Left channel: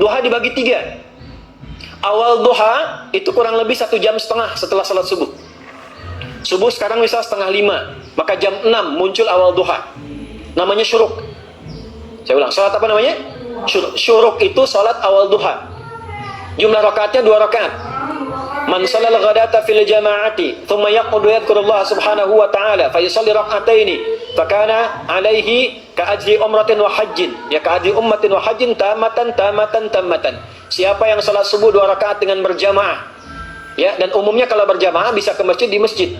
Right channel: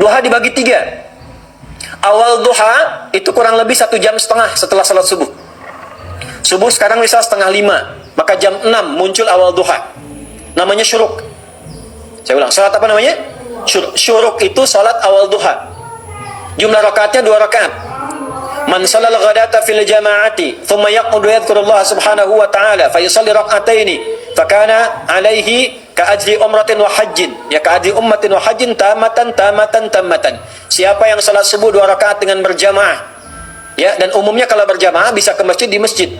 Duha dibagi 3. Awal duha itu kurang lebih 1,5 jam setelah salat subuh. Subuh sekarang misal 4:30, maka jam 6 muncul awal duha. Namanya syuruk. Saya ulang, salat apa namanya? Syuruk. Syuruk itu salat awal duha. Jumlah rakaatnya 2 rakaat. Man salal ghadata fil jama'ati thumma yaqudu yadhkurullah subhanahu wa ta'ala fa yusalli rak'ataini fakana alaihi ka ajri umratin wa hajjin, ya ka ajri ummatin wa hajjin tamatan. Siapa yang salat subuh 2 rakaat dengan berjamaah, ya, dan umumnya kalau berjamaah bisa ke masjid di masjid.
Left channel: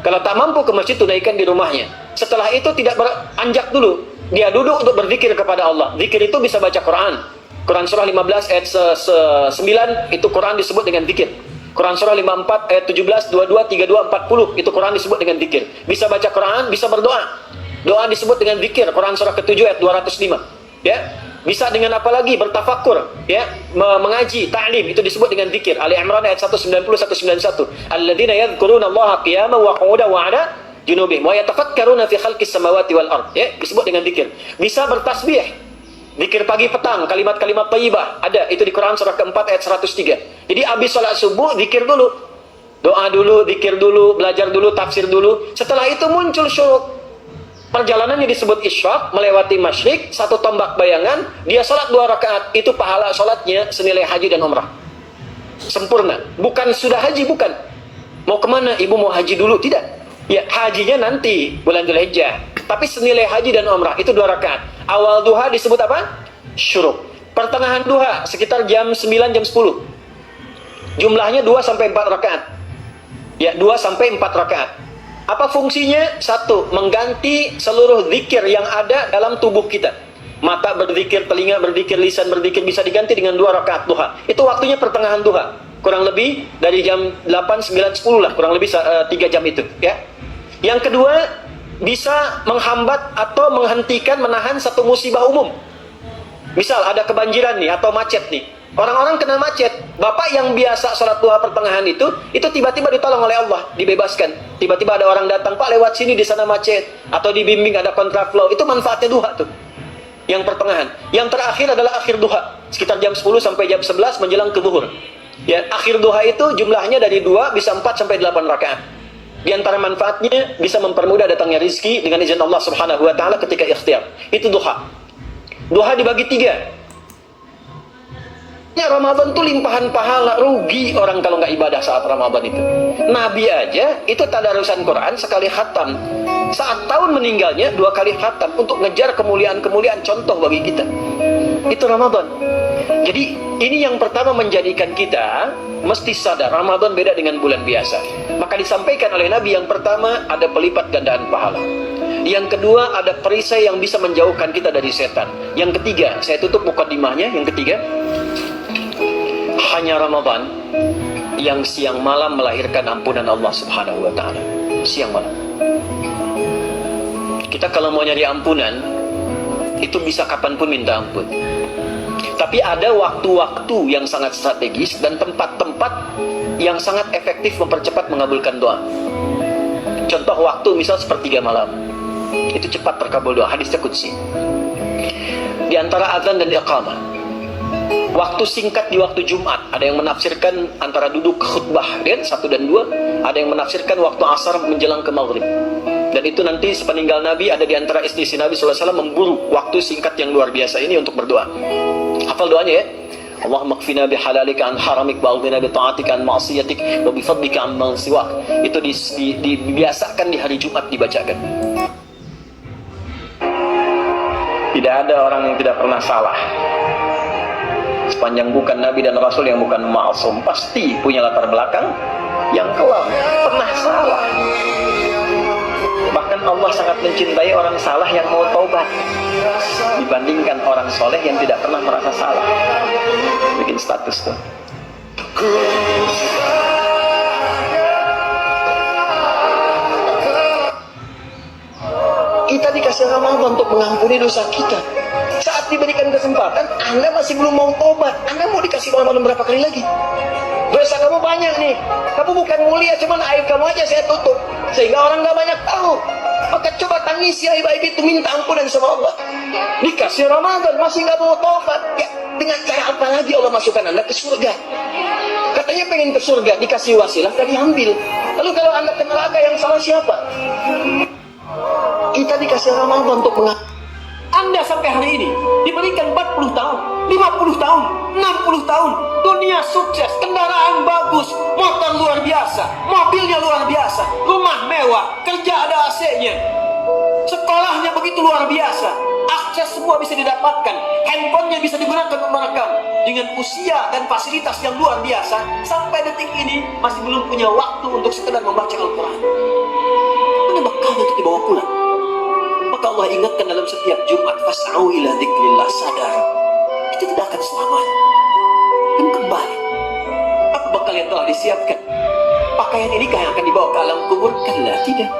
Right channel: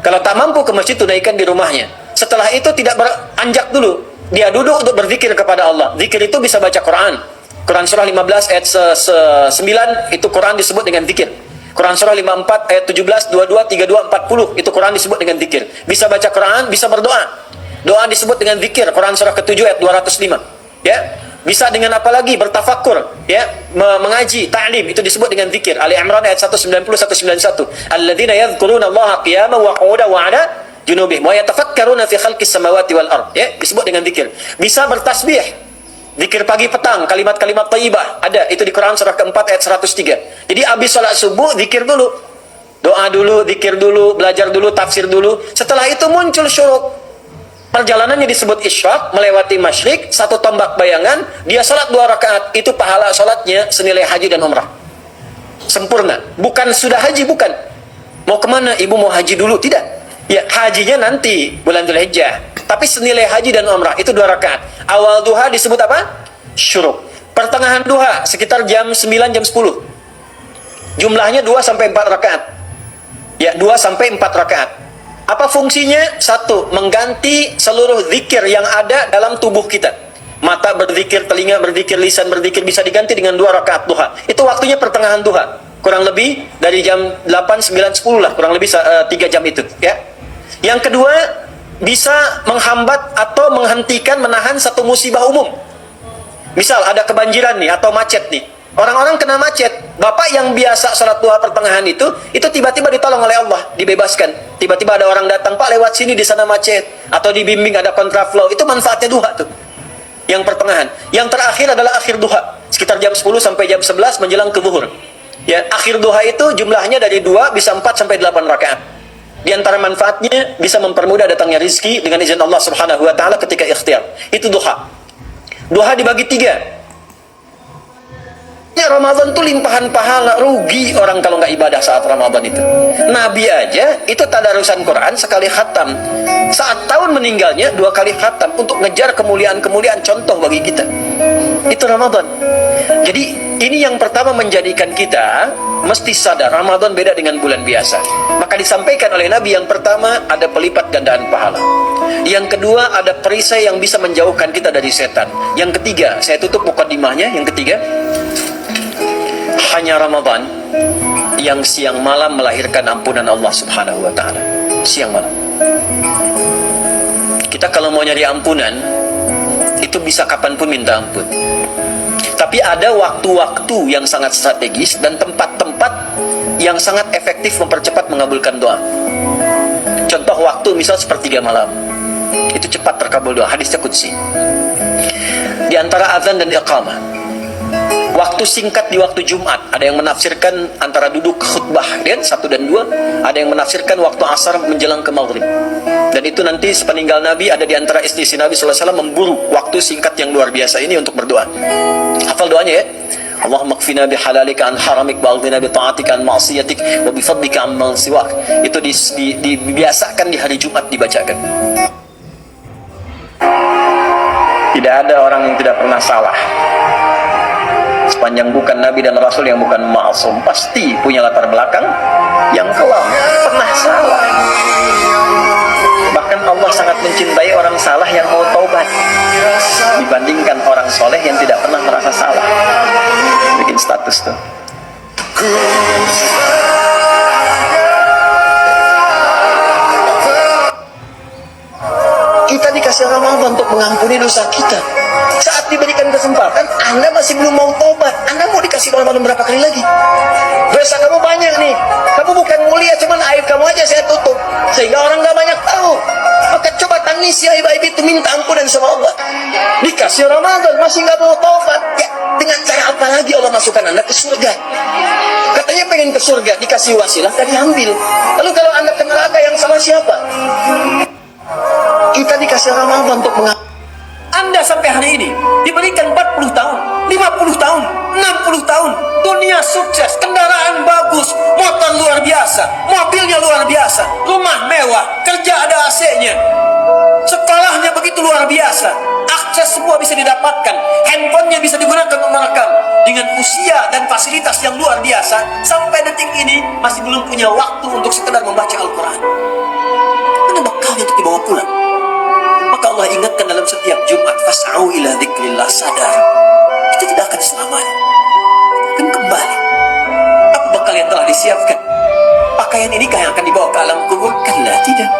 Kalau tak mampu ke masjid, tunaikan di rumahnya. Setelah itu tidak beranjak dulu, dia duduk untuk berzikir kepada Allah. Zikir itu bisa baca Quran. Quran surah 15 ayat 9 itu Quran disebut dengan zikir. Quran surah 54 ayat 17, 22, 32, 40 itu Quran disebut dengan zikir. Bisa baca Quran, bisa berdoa. Doa disebut dengan zikir. Quran surah ke-7 ayat 205. Ya. Bisa dengan apa lagi? Bertafakur, ya, mengaji, ta'lim, itu disebut dengan zikir. Ali Imran ayat 190 191. Alladzina yadhkuruna Allaha qiyaman wa qu'udan wa 'ala junubihim wa yatafakkaruna fi khalqis samawati wal ard. Ya, disebut dengan zikir. Bisa bertasbih. Zikir pagi petang, kalimat-kalimat thayyibah, ada itu di Quran surah keempat ayat 103. Jadi habis salat subuh zikir dulu. Doa dulu, zikir dulu, belajar dulu, tafsir dulu. Setelah itu muncul syuruk. Perjalanannya disebut isyraq, melewati masyrik, 1 tombak bayangan, dia salat 2 rakaat, itu pahala salatnya senilai haji dan umrah. Sempurna. Bukan sudah haji, bukan. Mau kemana? Ibu mau haji dulu? Tidak. Ya, hajinya nanti bulan Dzulhijjah. Tapi senilai haji dan umrah itu 2 rakaat. Awal duha disebut apa? Syuruk. Pertengahan duha sekitar jam 9 jam 10. Jumlahnya 2 sampai 4 rakaat. Ya, 2 sampai 4 rakaat. Apa fungsinya? 1, mengganti seluruh zikir yang ada dalam tubuh kita. Mata berzikir, telinga berzikir, lisan berzikir, bisa diganti dengan 2 rakaat duha. Itu waktunya pertengahan duha. Kurang lebih dari jam 8, 9, 10 lah. Kurang lebih 3 jam itu. Ya. Yang kedua, bisa menghambat atau menghentikan, menahan satu musibah umum. Misal ada kebanjiran nih atau macet nih. Orang-orang kena macet. Bapak yang biasa salat duha pertengahan itu tiba-tiba ditolong oleh Allah, dibebaskan. Tiba-tiba ada orang datang, Pak lewat sini di sana macet, atau dibimbing ada kontraflow. Itu manfaatnya duha tuh. Yang pertengahan. Yang terakhir adalah akhir duha, sekitar jam 10 sampai jam 11 menjelang ke zuhur. Ya, akhir duha itu jumlahnya dari 2 bisa 4 sampai 8 rakaat. Di antara manfaatnya bisa mempermudah datangnya rizki dengan izin Allah Subhanahu wa taala ketika ikhtiar. Itu duha. Duha dibagi 3. Ya, Ramadan itu limpahan pahala. Rugi orang kalau nggak ibadah saat Ramadan itu. Nabi aja itu tadarusan Quran sekali khatam. Saat tahun meninggalnya 2 kali khatam untuk ngejar kemuliaan-kemuliaan, contoh bagi kita. Itu Ramadan. Jadi ini yang pertama menjadikan kita mesti sadar Ramadan beda dengan bulan biasa. Maka disampaikan oleh Nabi, yang pertama ada pelipat gandaan pahala. Yang kedua ada perisai yang bisa menjauhkan kita dari setan. Yang ketiga, saya tutup mukadimahnya, yang ketiga, hanya Ramadan yang siang malam melahirkan ampunan Allah Subhanahu wa taala. Siang malam. Kita kalau mau nyari ampunan itu bisa kapanpun minta ampun. Tapi ada waktu-waktu yang sangat strategis dan tempat-tempat yang sangat efektif mempercepat mengabulkan doa. Contoh waktu misal sepertiga malam. Itu cepat terkabul doa, hadisnya qudsi. Di antara azan dan iqamah. Waktu singkat di waktu Jumat. Ada yang menafsirkan antara duduk khutbah dan 1 dan 2. Ada yang menafsirkan waktu asar menjelang ke maghrib. Dan itu nanti sepeninggal Nabi ada di antara istri Nabi SAW memburu waktu singkat yang luar biasa ini untuk berdoa. Hafal doanya ya. Allahumma kfina bihalalika an haramik wa aghdina bi ta'atika an ma'siyatik wa bi fadlika amman siwak. Itu dibiasakan di hari Jumat dibacakan. Tidak ada orang yang tidak pernah salah. Sepanjang bukan Nabi dan Rasul yang bukan ma'asum, pasti punya latar belakang yang kelam, pernah salah. Bahkan Allah sangat mencintai orang salah yang mau taubat dibandingkan orang soleh yang tidak pernah merasa salah. Bikin status tuh. Kita dikasih Ramadan untuk mengampuni dosa kita. Saat diberikan kesempatan, Anda masih belum mau tobat. Anda mau dikasih Ramadan berapa kali lagi? Dosa kamu banyak nih. Kamu aku bukan mulia, cuman aib kamu aja saya tutup sehingga orang gak banyak tahu. Maka coba tangisi aib-aib itu, minta ampunan sama Allah. Dikasih Ramadan masih gak mau tobat, ya, dengan cara apa lagi Allah masukkan anda ke surga? Katanya pengen ke surga, dikasih wasilah, tadi ambil. Lalu kalau anda ke neraka, yang salah siapa? Kita dikasih Ramadan untuk Anda sampai hari ini diberikan 40 tahun, 50 tahun, 60 tahun, dunia sukses, kendaraan bagus, motor luar biasa, mobilnya luar biasa, rumah mewah, kerja ada AC-nya, sekolahnya begitu luar biasa, akses semua bisa didapatkan, handphonenya bisa digunakan untuk merekam. Dengan usia dan fasilitas yang luar biasa, sampai detik ini masih belum punya waktu untuk sekedar membaca Al-Quran. Mana bekalnya untuk dibawa pulang? Maka Allah ingatkan dalam setiap Jumat, fas'au ila dzikrillah, sadar kita tidak akan selamanya, akan kembali. Apa bekal yang telah disiapkan? Pakaian ini kah yang akan dibawa ke alam kubur? Kalla, tidak.